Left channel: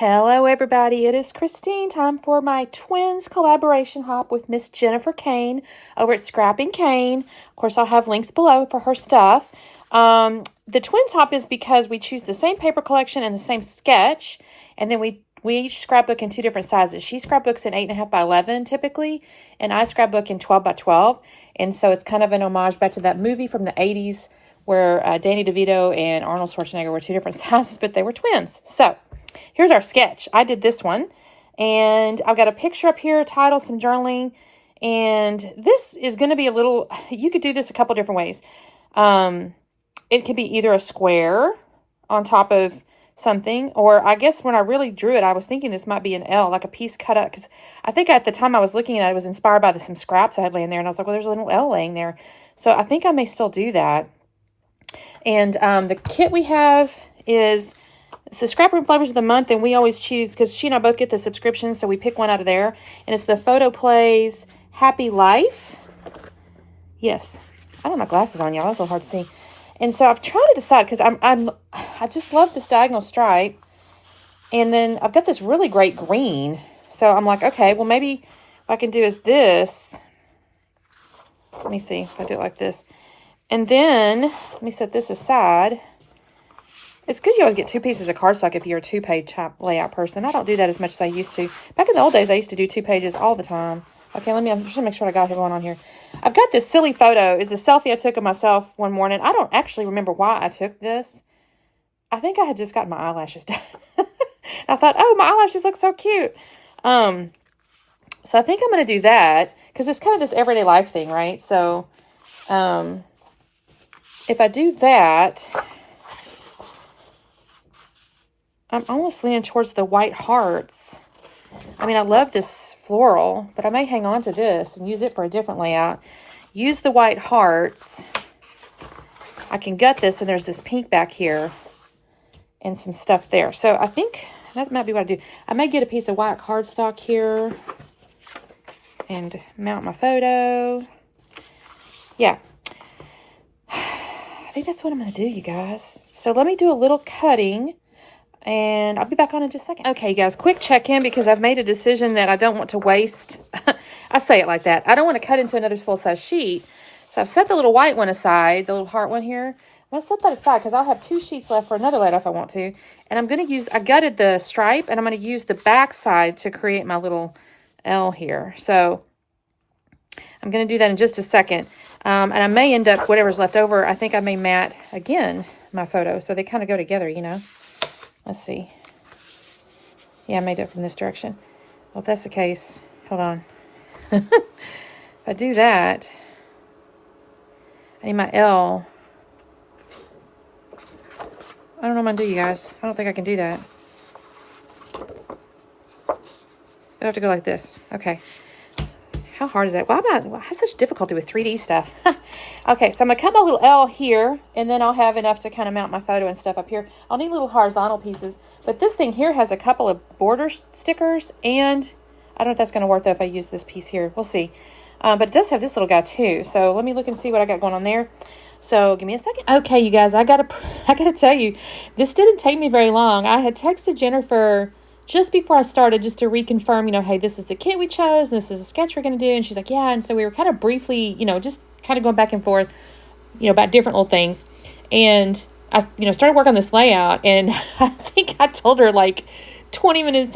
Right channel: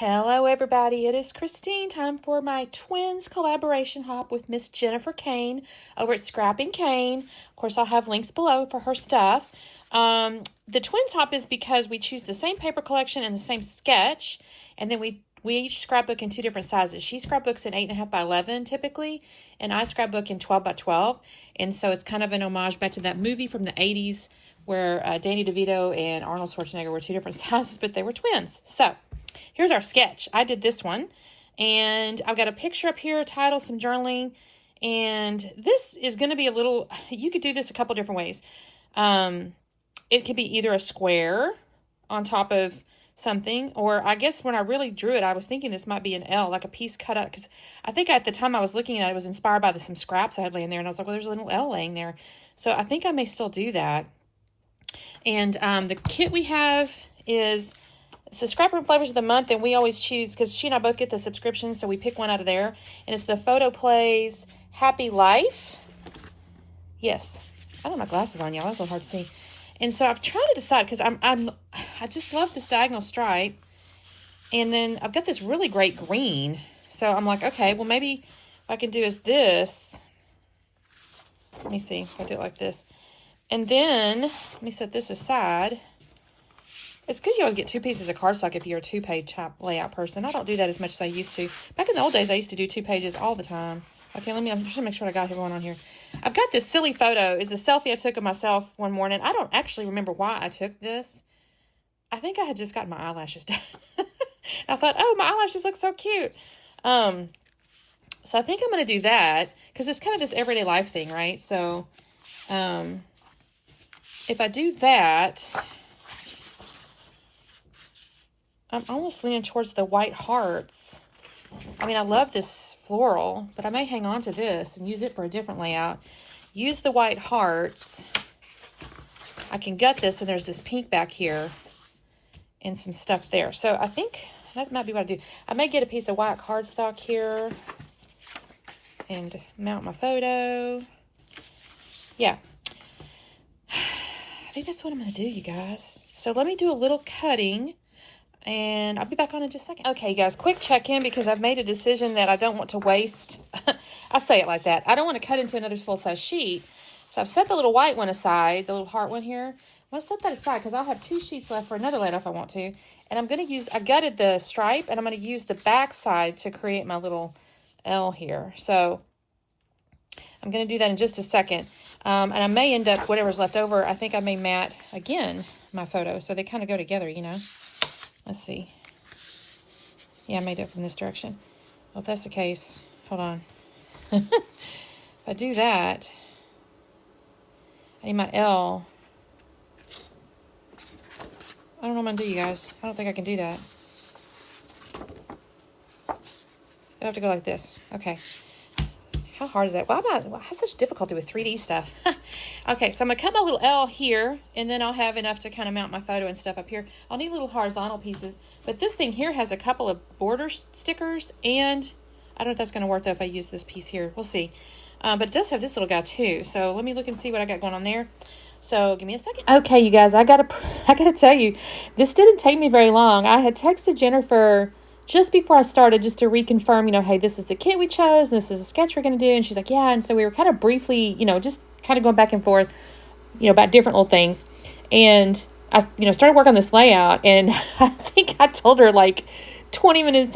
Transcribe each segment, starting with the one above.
Hello everybody, it is Christine. Time for my twins collaboration hop with Miss Jennifer Kane over at Scrapping Kane. Of course, I'll have links below for her stuff. The twins hop is because we choose the same paper collection and the same sketch, and then we each scrapbook in two different sizes. She scrapbooks in 8.5 by 11 typically, and I scrapbook in 12 by 12. And so it's kind of an homage back to that movie from the 80s where Danny DeVito and Arnold Schwarzenegger were two different sizes, but they were twins. So here's our sketch. I did this one, and I've got a picture up here, title, some journaling, and this is going to be a little, you could do this a couple different ways. It could be either a square on top of something, or I guess when I really drew it, I was thinking this might be an L, like a piece cut out, because I think at the time I was looking at it, I was inspired by some scraps I had laying there, and I was like, well, there's a little L laying there. So I think I may still do that. And the kit we have is, it's the Scrapbook Flavors of the Month, and we always choose, because she and I both get the subscription, so we pick one out of there. And it's the Photo Plays Happy Life. Yes. I don't have my glasses on, y'all. That's a little hard to see. And so I've tried to decide, because I just love this diagonal stripe. And then I've got this really great green. So I'm like, okay, well, maybe what I can do is this. Let me see. I'll do it like this. And then, let me set this aside. It's good you always get two pieces of cardstock if you're a two-page type layout person. I don't do that as much as I used to. Back in the old days, I used to do 2 pages all the time. Okay, I'm just going to make sure I got everyone on here. I've got this silly photo. It's a selfie I took of myself one morning. I don't actually remember why I took this. I think I had just gotten my eyelashes done. I thought, oh, my eyelashes look so cute. So I think I'm going to do that, because it's kind of this everyday life thing, right? So, if I do that, I'm almost leaning towards the white hearts. I mean, I love this floral, but I may hang on to this and use it for a different layout. Use the white hearts. I can gut this, and there's this pink back here and some stuff there. So I think that might be what I do. I may get a piece of white cardstock here and mount my photo. Yeah. I think that's what I'm going to do, you guys. So let me do a little cutting, and I'll be back on in just a second. Okay, you guys, quick check-in, because I've made a decision that I don't want to waste. I say it like that. I don't want to cut into another full-size sheet. So I've set the little white one aside, the little heart one here. I'll set that aside, because I'll have 2 sheets left for another layout if I want to. And I'm going to use, I gutted the stripe, and I'm going to use the back side to create my little L here. So I'm going to do that in just a second. And I may end up, whatever's left over, I think I may matte again my photo. So they kind of go together, you know. Let's see. Yeah, I made it from this direction. Well, if that's the case, hold on. If I do that, I need my L. I don't know what I'm going to do, you guys. I don't think I can do that. I have to go like this. Okay. How hard is that? Why am I have such difficulty with 3D stuff? Okay, so I'm going to cut my little L here, and then I'll have enough to kind of mount my photo and stuff up here. I'll need little horizontal pieces, but this thing here has a couple of border stickers, and I don't know if that's going to work, though, if I use this piece here. We'll see. But it does have this little guy, too, so let me look and see what I got going on there. So give me a second. Okay, you guys, I gotta tell you, this didn't take me very long. I had texted Jennifer just before I started, just to reconfirm, you know, hey, this is the kit we chose, and this is a sketch we're going to do. And she's like, yeah. And so we were kind of briefly, you know, just kind of going back and forth, you know, about different little things. And I, you know, started working on this layout, and I think I told her like 20 minutes,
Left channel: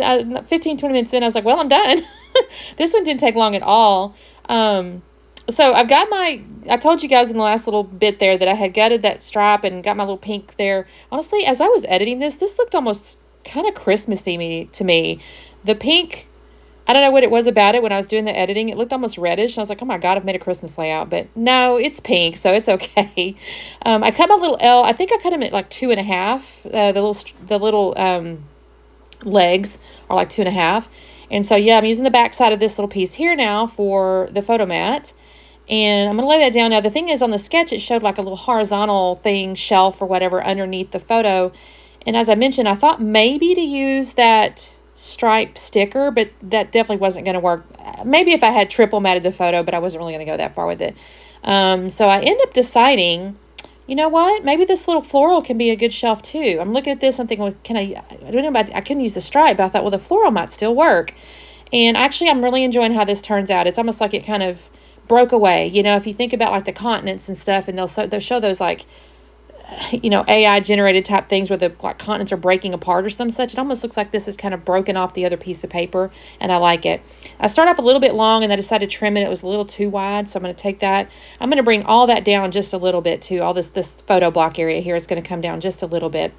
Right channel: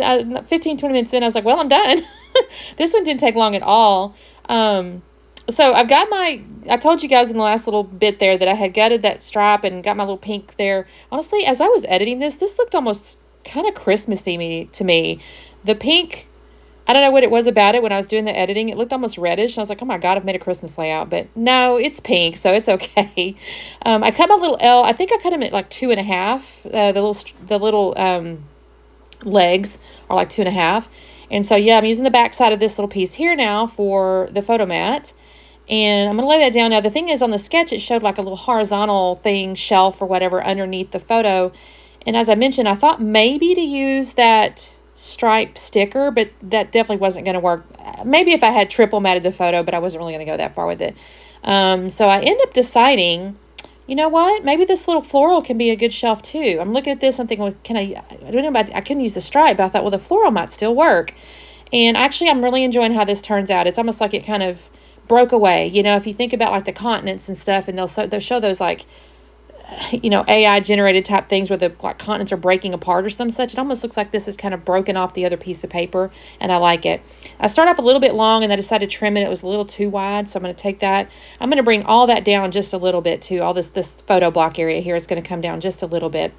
15, 20 minutes in, I was like, well, I'm done. This one didn't take long at all. So I've got I told you guys in the last little bit there that I had gutted that stripe and got my little pink there. Honestly, as I was editing this looked almost kind of Christmassy to me. The pink, I don't know what it was about it when I was doing the editing. It looked almost reddish. I was like, oh my God, I've made a Christmas layout. But no, it's pink, so it's okay. I cut my little L. I think I cut them at like 2.5. The little legs are like 2.5. And so, yeah, I'm using the back side of this little piece here now for the photo mat. And I'm going to lay that down. Now, the thing is, on the sketch, it showed like a little horizontal thing, shelf or whatever, underneath the photo. And as I mentioned, I thought maybe to use that stripe sticker, but that definitely wasn't going to work. Maybe if I had triple matted the photo, but I wasn't really going to go that far with it. So I ended up deciding You know what? Maybe this little floral can be a good shelf too. I'm looking at this. I'm thinking, well, I don't know about, I couldn't use the stripe, but I thought, well, the floral might still work. And actually, I'm really enjoying how this turns out. It's almost like it kind of broke away. You know, if you think about like the continents and stuff, and they'll show those like, you know, AI generated type things where the like continents are breaking apart or some such. It almost looks like this is kind of broken off the other piece of paper, and I like it. I start off a little bit long, and I decided to trim it. It was a little too wide, so I'm going to take that. I'm going to bring all that down just a little bit too. All this photo block area here is going to come down just a little bit.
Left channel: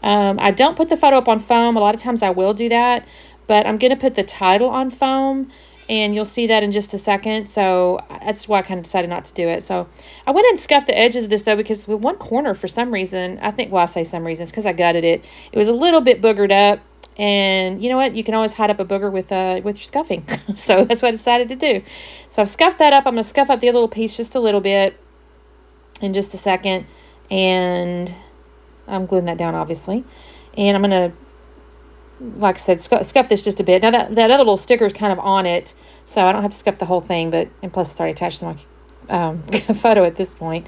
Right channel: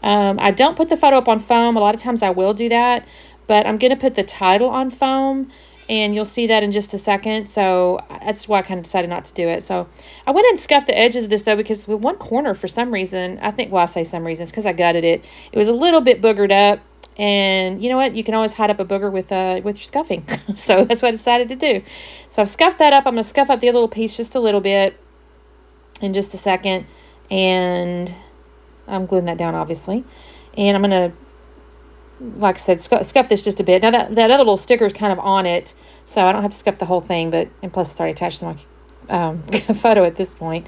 I don't put the photo up on foam. A lot of times I will do that, but I'm going to put the title on foam, and you'll see that in just a second. So that's why I kind of decided not to do it. So I went and scuffed the edges of this, though, because with one corner, for some reason, I think, well, I say some reason, it's because I gutted it. It was a little bit boogered up. And you know what? You can always hide up a booger with your scuffing. So that's what I decided to do. So I've scuffed that up. I'm going to scuff up the other little piece just a little bit in just a second. And I'm gluing that down, obviously. And I'm going to, like I said, scuff this just a bit. Now, that other little sticker is kind of on it, so I don't have to scuff the whole thing, and plus it's already attached to my photo at this point.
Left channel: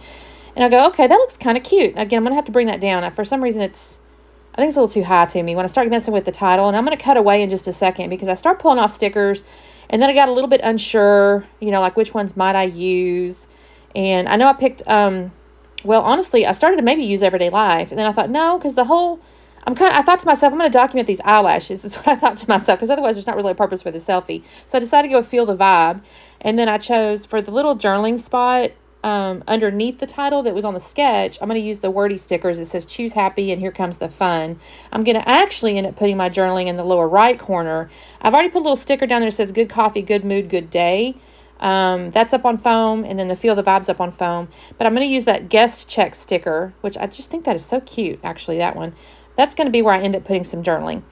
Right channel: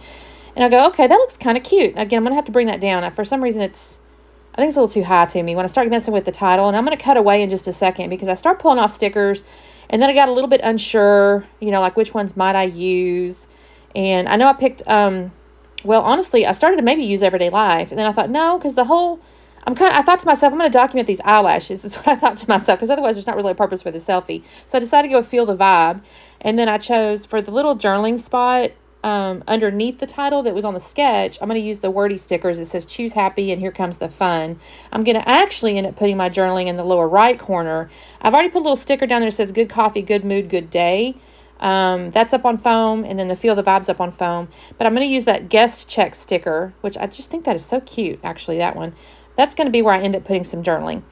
And I go, okay, that looks kind of cute. Again, I'm going to have to bring that down. For some reason, I think it's a little too high to me when I start messing with the title, and I'm going to cut away in just a second because I start pulling off stickers, and then I got a little bit unsure, you know, like which ones might I use. And I know I picked, well, honestly, I started to maybe use Everyday Life, and then I thought, no, because I thought to myself, I'm going to document these eyelashes. That's what I thought to myself, because otherwise there's not really a purpose for the selfie. So I decided to go Feel the Vibe. And then I chose, for the little journaling spot underneath the title that was on the sketch, I'm going to use the wordy stickers. It says, choose happy, and here comes the fun. I'm going to actually end up putting my journaling in the lower right corner. I've already put a little sticker down there that says, good coffee, good mood, good day. That's up on foam, and then the Feel the Vibes up on foam. But I'm going to use that guest check sticker, which I just think that is so cute, actually, that one. That's going to be where I end up putting some journaling.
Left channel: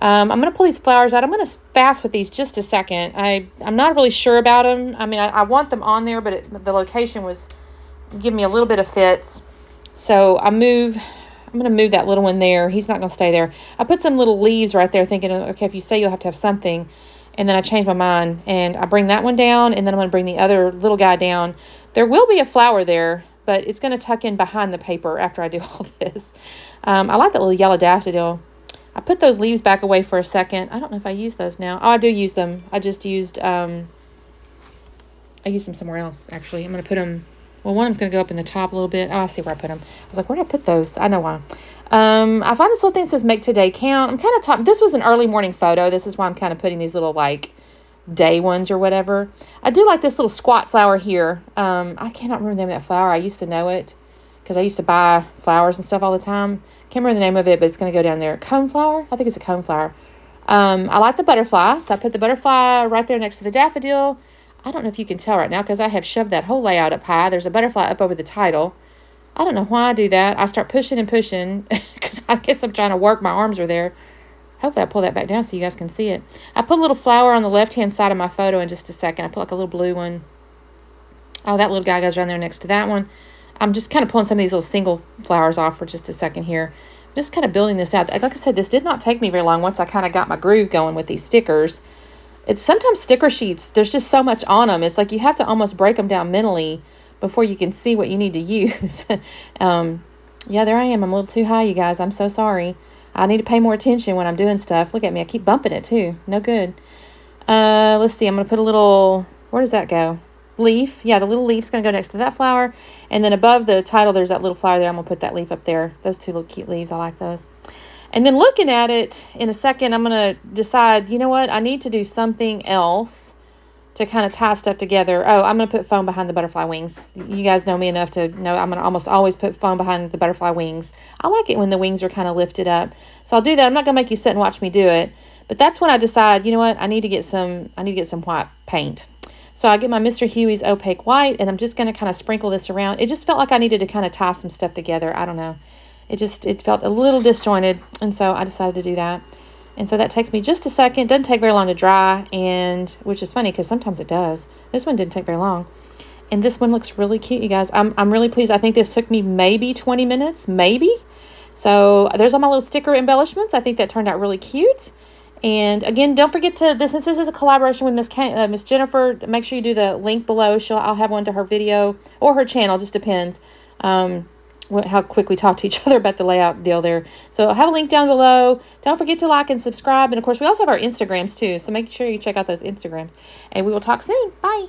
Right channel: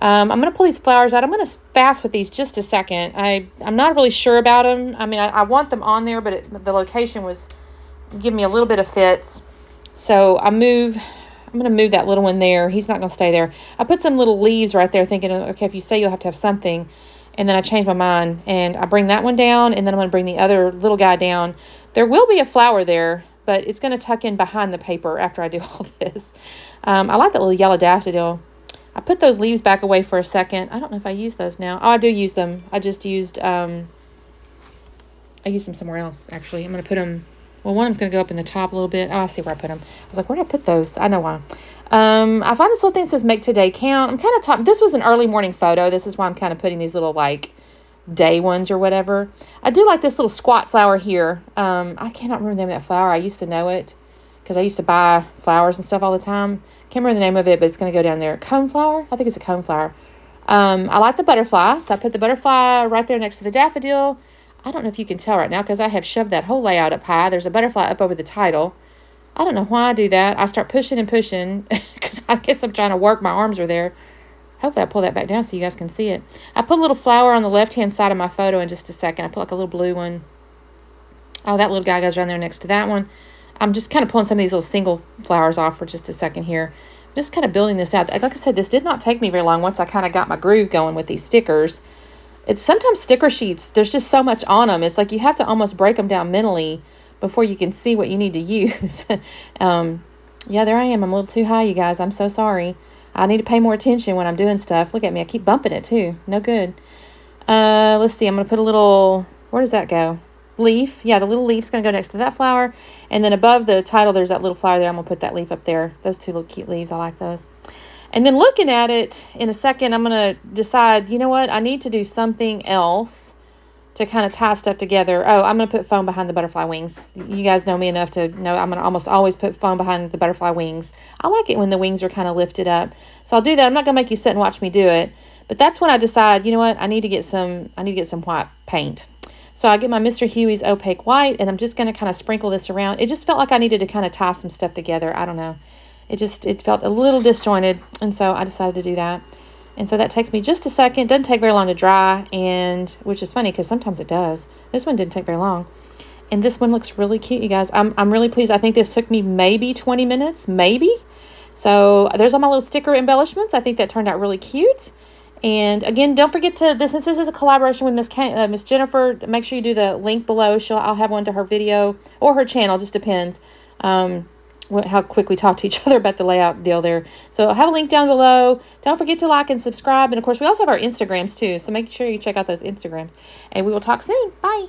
I'm going to pull these flowers out. I'm going to fast with these just a second. I'm not really sure about them. I mean, I want them on there, but the location was giving me a little bit of fits. So I'm going to move that little one there. He's not going to stay there. I put some little leaves right there thinking, okay, if you stay, you'll have to have something. And then I changed my mind, and I bring that one down, and then I'm going to bring the other little guy down. There will be a flower there, but it's going to tuck in behind the paper after I do all this. I like that little yellow daffodil. I put those leaves back away for a second. I don't know if I use those now. Oh, I do use them. I just used, I used them somewhere else, actually. I'm going to put them, well, one of them's going to go up in the top a little bit. Oh, I see where I put them. I was like, where did I put those? I know why. I find this little thing that says make today count. I'm kind of top. This was an early morning photo. This is why I'm kind of putting these little, like, day ones or whatever. I do like this little squat flower here. I cannot remember the name of that flower. I used to know it because I used to buy flowers and stuff all the time. Can't remember the name of it, but it's going to go down there. Coneflower? I think it's a coneflower. I like the butterfly, so I put the butterfly right there next to the daffodil. I don't know if you can tell right now because I have shoved that whole layout up high. There's a butterfly up over the title. I don't know why I do that. I start pushing and pushing because I guess I'm trying to work. My arms are there. Hopefully I pull that back down so you guys can see it. I put a little flower on the left-hand side of my photo in just a second. I put like a little blue one. Oh, that little guy goes around there next to that one. I'm just kind of pulling some of these little single flowers off for just a second here. I'm just kind of building this out. Like I said, this did not take me very long once I kind of got my groove going with these stickers. It's sometimes sticker sheets, there's just so much on them. It's like you have to almost break them down mentally before you can see what you need to use. Yeah, there I am. I'm a little too high, you guys. I'm so sorry. I need to pay more attention when I'm doing stuff. Look at me. I keep bumping it too. No good. Let's see. I'm going to put a little, where does that go? Leaf. Yeah, the little leaf's going to go next to that flower. And then above the title, there's that little flower there. I'm going to put that leaf up there. Those two little cute leaves. I like those. And then looking at it in a second, I'm going to decide, you know what? I need to do something else to kind of tie stuff together. Oh, I'm going to put foam behind the butterfly wings. You guys know me enough to know I'm going to almost always put foam behind the butterfly wings. I like it when the wings are kind of lifted up. So I'll do that. I'm not going to make you sit and watch me do it. But that's when I decide, you know what? I need to get some white paint. So I get my Mr. Huey's opaque white, and I'm just going to kind of sprinkle this around. It just felt like I needed to kind of tie some stuff together. I don't know. It felt a little disjointed, and so I decided to do that. And so that takes me just a second. It doesn't take very long to dry, and which is funny because sometimes it does. This one didn't take very long. And this one looks really cute, you guys. I'm really pleased. I think this took me maybe 20 minutes, maybe. So there's all my little sticker embellishments. I think that turned out really cute. And again, don't forget to, since this is a collaboration with Miss Jennifer, make sure you do the link below. I'll have one to her video or her channel, just depends. how quick we talk to each other about the layout deal there. So I'll have a link down below. Don't forget to like and subscribe. And of course, we also have our Instagrams too. So make sure you check out those Instagrams. And we will talk soon. Bye.